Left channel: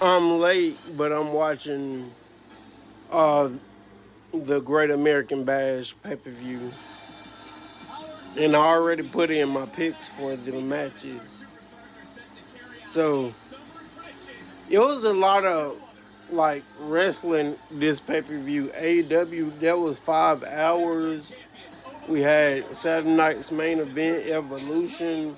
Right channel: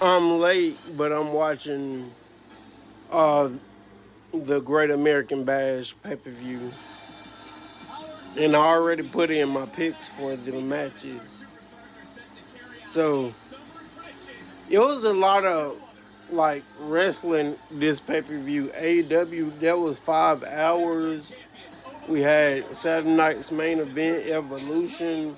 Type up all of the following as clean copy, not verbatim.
I'm late, but I'm watching uh the Great American Bash pay-per-view, and I already put in my picks for the matches. So it was a lot of like wrestling this pay-per-view. AEW, that was 5 hours. We had Saturday night's main event, Evolution,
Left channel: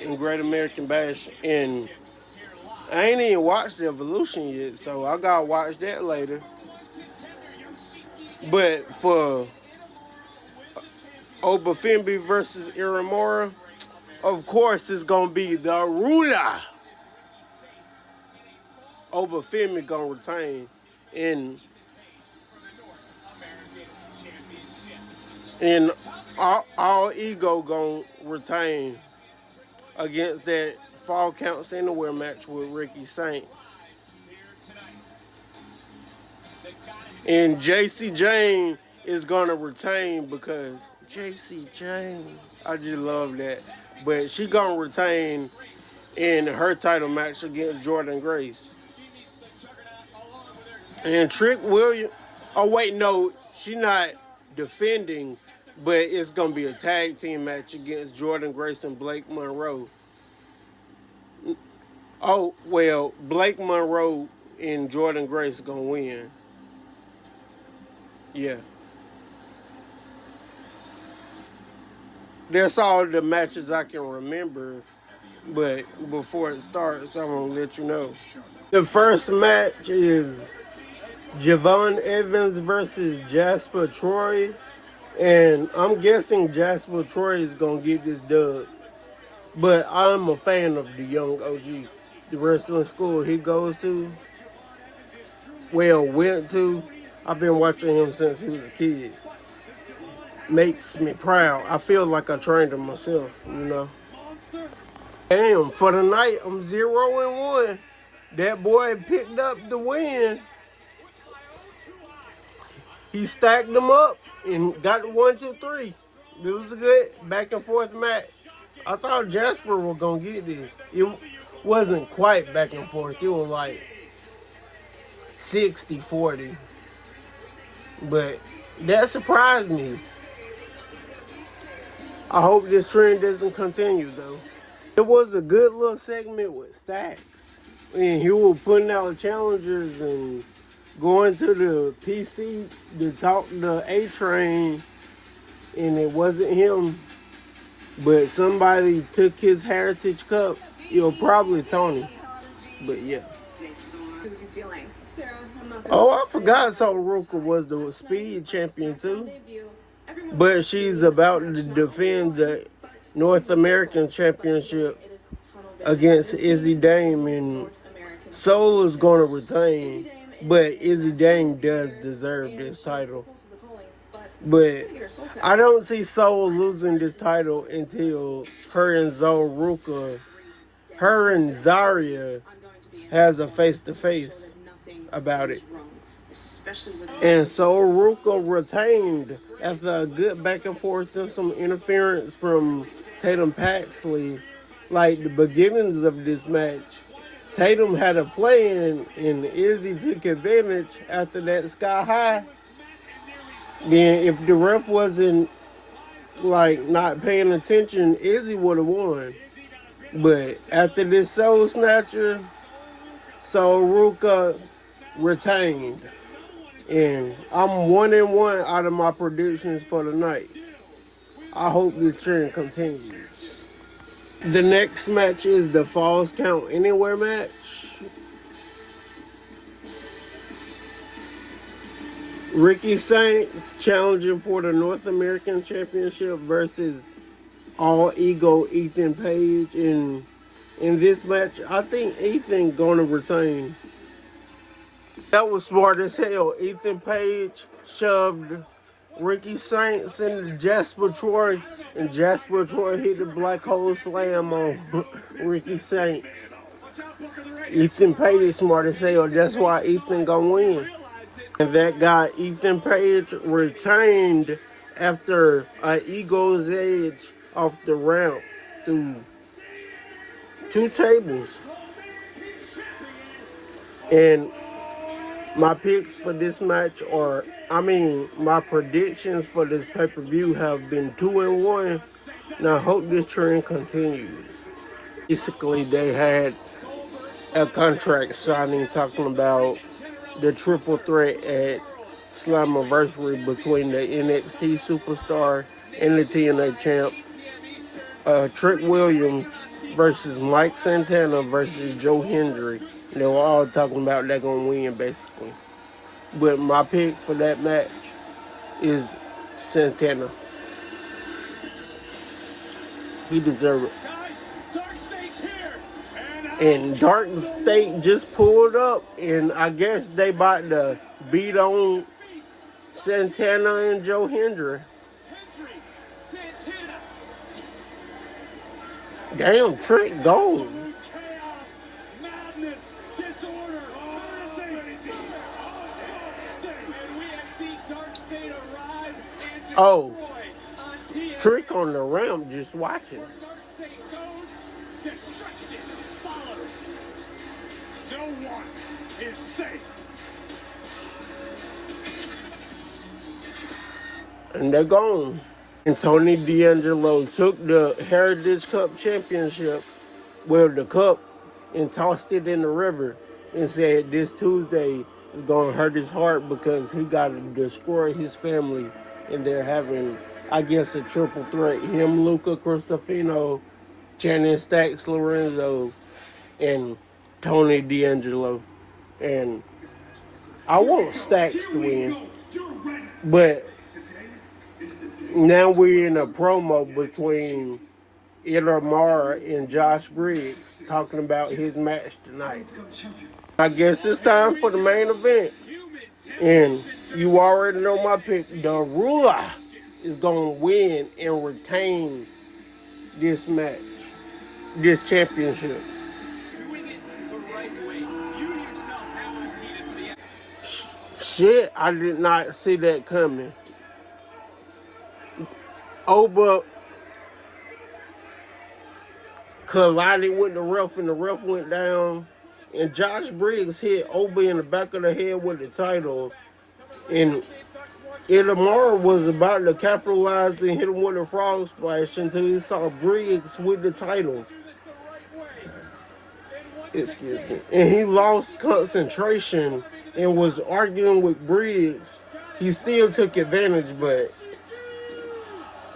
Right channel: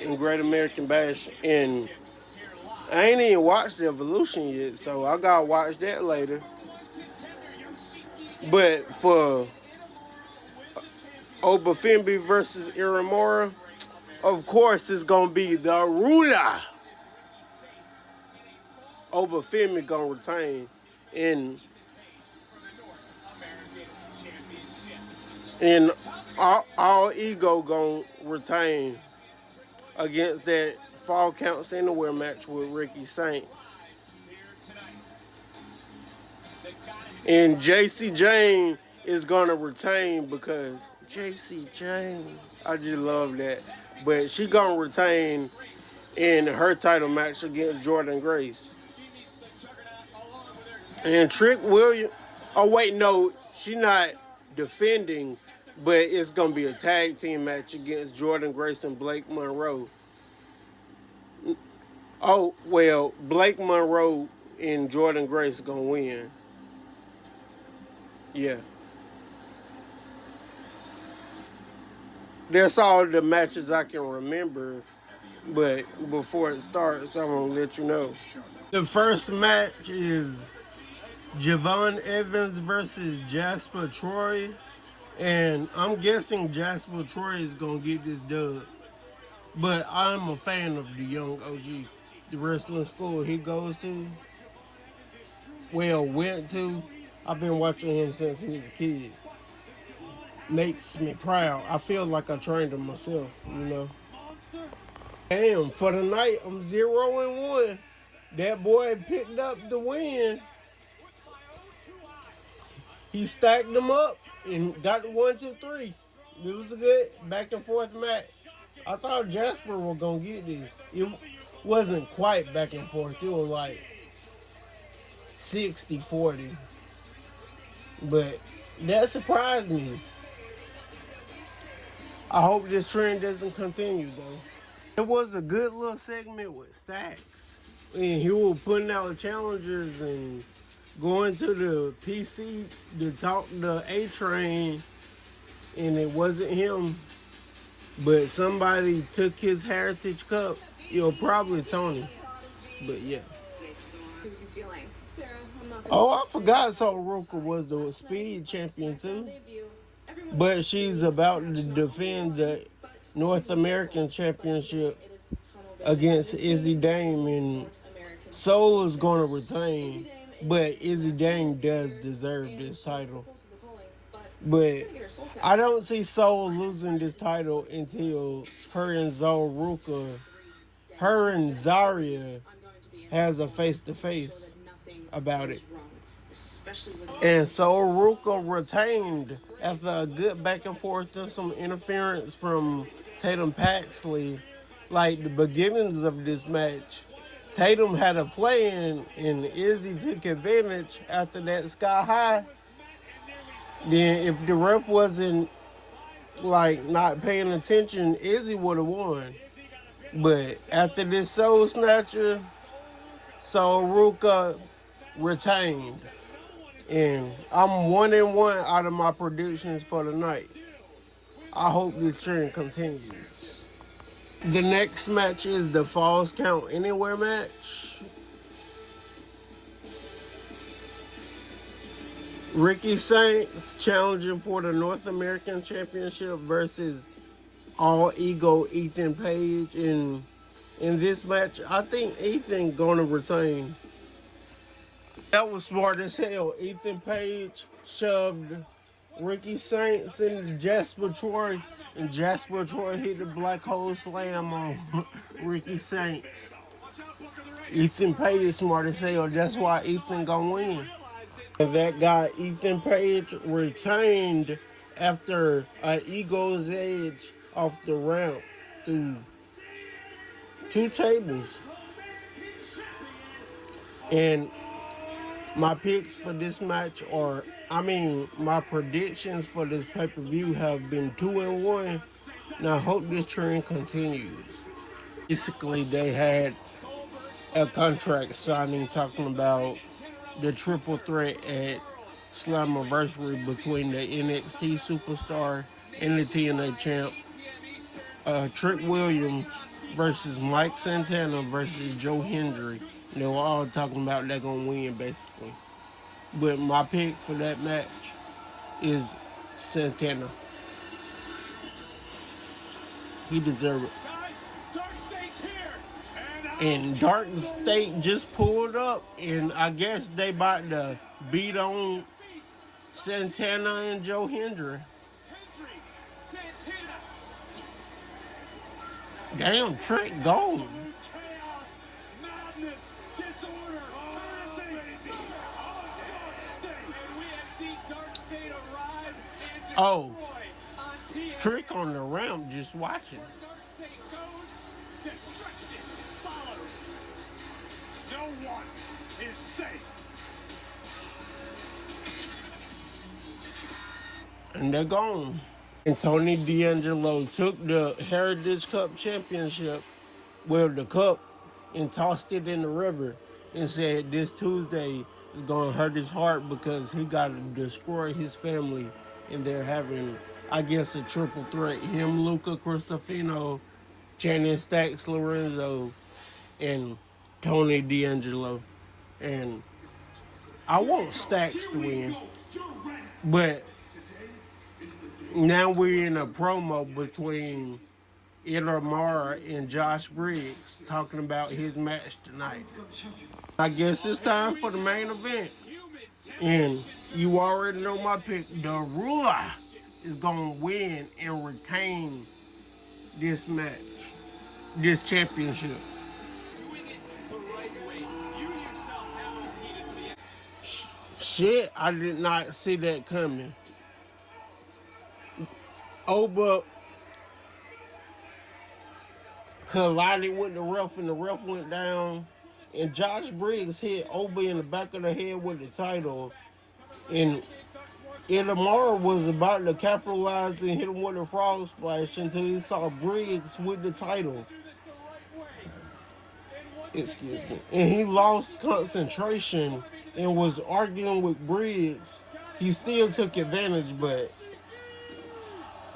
and Great American Bash, and I ain't even watched the Evolution yet, so I gotta watch that later. But for Obafemi versus Iramura, of course it's gonna be the ruler. Obafemi gonna retain, and and all ego gonna retain against that Fall Counts Anywhere match with Ricky Saints. And JC Jane is gonna retain because JC Jane, I just love that. But she gonna retain in her title match against Jordan Grace. And Trick Williams, oh wait, no, she not defending, but it's gonna be a tag team match against Jordan Grace and Blake Monroe. Oh well, Blake Monroe and Jordan Grace gonna win. Yeah, that's all the matches I can remember. But before it starts, I'm gonna let you know. The first match is Javon Evans versus Jasper Troy, and I'm guessing Jasper Troy is gonna get this dub. But I'm a fan of the young OG, the wrestling school he goes to. Well, went to. I've been watching him since he was a kid. Makes me proud. I feel like I trained him myself, you know. Damn, for the night, I'm 0-1. That boy picked up the win. He stacked them up and got the 1, 2, 3. It was a good back and forth match. I thought Jasper was going to get this. It wasn't quite back and forth. It was like 60-40. But that surprised me. I hope this trend doesn't continue, though. It was a good little segment with Stacks. And he was putting out challengers and going to the PC to talk to A-Train. And it wasn't him, but somebody took his Heritage Cup. It was probably Tony. But yeah. Oh, I forgot Ruka was the speed champion too. But she's about to defend the North American Championship against Izzy Dame, and Soul is going to retain. But Izzy Dame does deserve this title. But I don't see Soul losing this title until her and Zaria has a face-to-face about it. And so Ruka retained after a good back and forth and some interference from Tatum Paxley. Like the beginnings of this match, Tatum had a plan and Izzy took advantage after that sky high. Then if the ref wasn't like not paying attention, Izzy would have won. But after this Soul Snatcher, Soul Ruka retained. And I'm 1-1 out of my predictions for the night. I hope this trend continues. The next match is the Falls Count Anywhere match. Ricky Saints challenging for the North American Championship versus All Ego Ethan Page. And in this match, I think Ethan gonna retain. That was smart as hell. Ethan Page shoved Ricky Saints into Jasper Troy, and Jasper Troy hit the black hole slam on Ricky Saints. Ethan Page is smart as hell. That's why Ethan gonna win. And that guy, Ethan Page, retained after an Ego's Edge off the ramp through 2 tables. And my picks for this match my predictions for this pay-per-view have been 2-1. Now I hope this trend continues. Basically, they had a contract signing talking about the triple threat at Slammiversary between the NXT superstar and the TNA champ, Trick Williams versus Mike Santana versus Joe Hendry. They were all talking about they're going to win, basically. But my pick for that match is Santana. He deserves it. And Dark State just pulled up, and I guess they about to beat on Santana and Joe Hendry. Damn, Trick gone. Oh, Trick on the ramp just watching. And they're gone. And Tony D'Angelo took the Heritage Cup Championship, the cup, and tossed it in the river and said this Tuesday is going to hurt his heart because he got to destroy his family. And they're having, I guess, a triple threat. Him, Luca Cristofino, Channing Stacks Lorenzo, and Tony D'Angelo. And I want Stacks to win. But now we're in a promo between Itamar and Josh Briggs talking about his match tonight. I guess it's time for the main event. And you already know my pick. The Ruler is going to win and retain this match, this championship. Shit, I did not see that coming. Oba collided with the ref, and the ref went down. And Josh Briggs hit Oba in the back of the head with the title. And Itamar was about to capitalize and hit him with a frog splash until he saw Briggs with the title. Excuse me. And he lost concentration and was arguing with Briggs. He still took advantage, but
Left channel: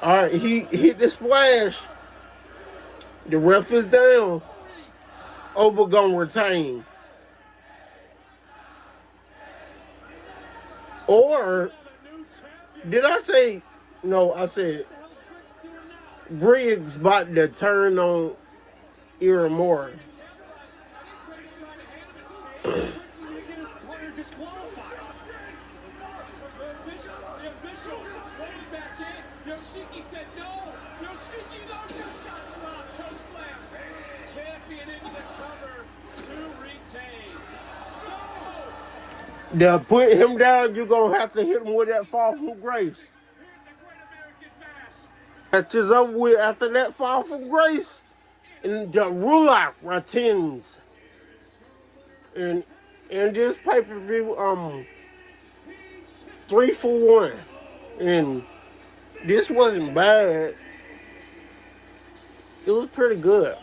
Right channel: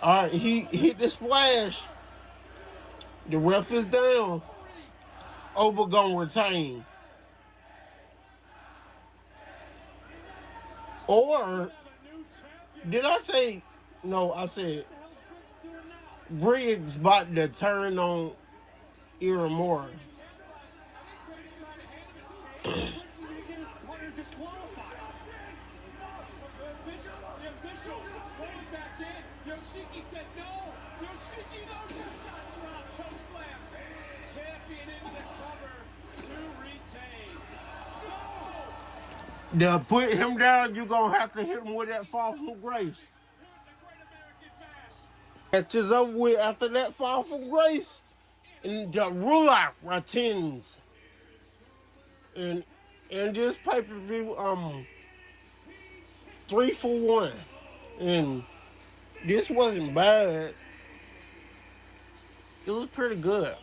all right, he hit the splash. The ref is down. Oba gonna retain. Or did I say no? I said Briggs about to turn on Itamar. To put him down, you're going to have to hit him with that fall from grace. That's just over with after that fall from grace. And the Ruler retains. And this pay-per-view, 3 for 1. And this wasn't bad. It was pretty good.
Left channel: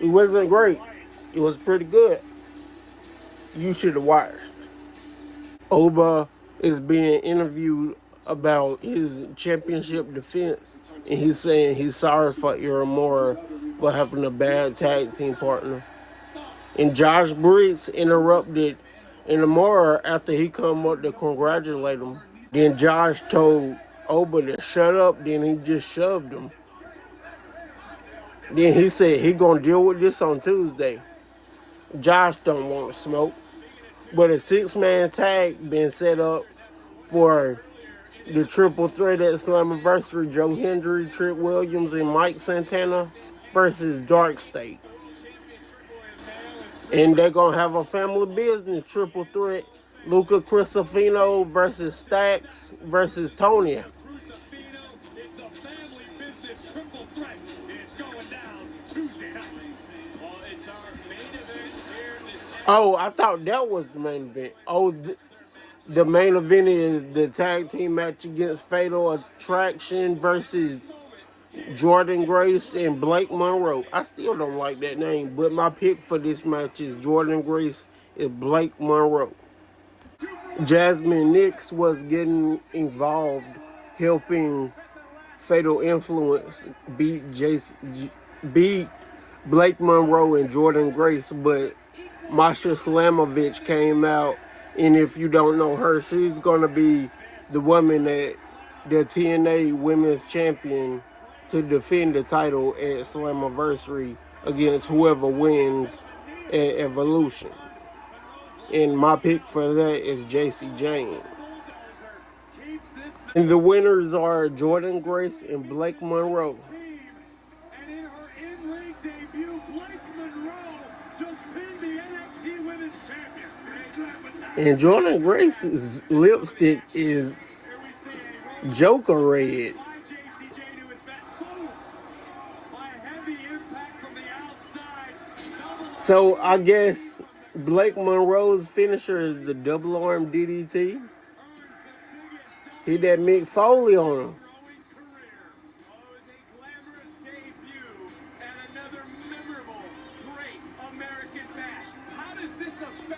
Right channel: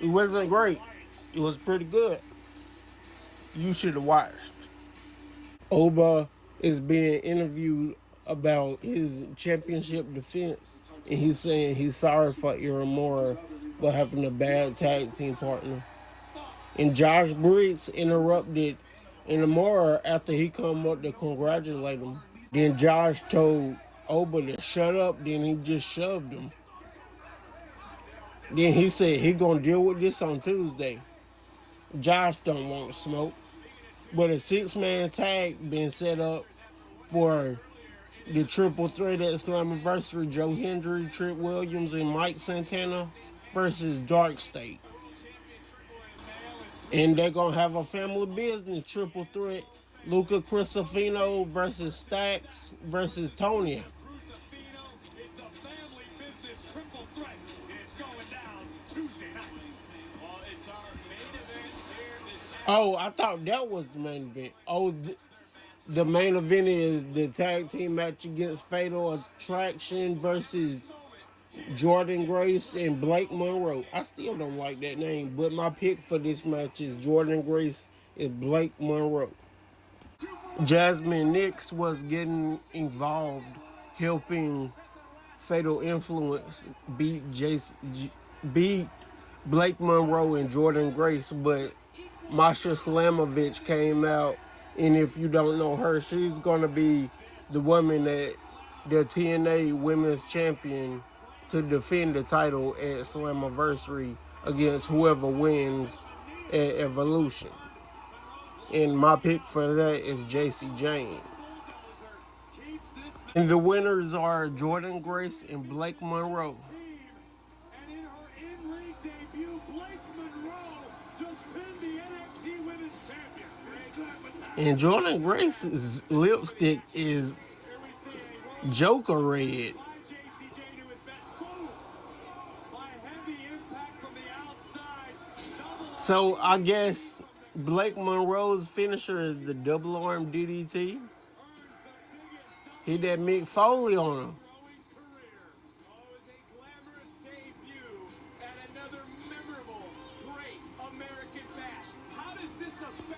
It wasn't great. It was pretty good. You should have watched. Oba is being interviewed about his championship defense, and he's saying he's sorry for Itamar for having a bad tag team partner. And Josh Briggs interrupted Itamar after he come up to congratulate him. Then Josh told Oba to shut up, then he just shoved him. Then he said he gonna deal with this on Tuesday. Josh don't want smoke. But a 6-man tag been set up for the triple threat at Slammiversary. Joe Hendry, Trick Williams, and Mike Santana versus Dark State. And they're going to have a family business triple threat. Luca Cristofino versus Stacks versus Tony. Oh, I thought that was the main event. Oh, the main event is the tag team match against Fatal Attraction versus Jordan Grace and Blake Monroe. I still don't like that name, but my pick for this match is Jordan Grace and Blake Monroe. Jasmine Nix was getting involved, helping Fatal Influence beat Blake Monroe and Jordan Grace, but Masha Slamovich came out, and if you don't know her, she's gonna be the woman that the TNA Women's Champion to defend the title at Slammiversary against whoever wins at Evolution. And my pick for that is JC Jane. And the winners are Jordan Grace and Blake Monroe. And in her in-ring debut, Blake Monroe just pinned the NXT Women's Champion. And Jordan Grace's lipstick is Joker red. So I guess Blake Monroe's finisher is the double arm DDT. He that Mick Foley on him.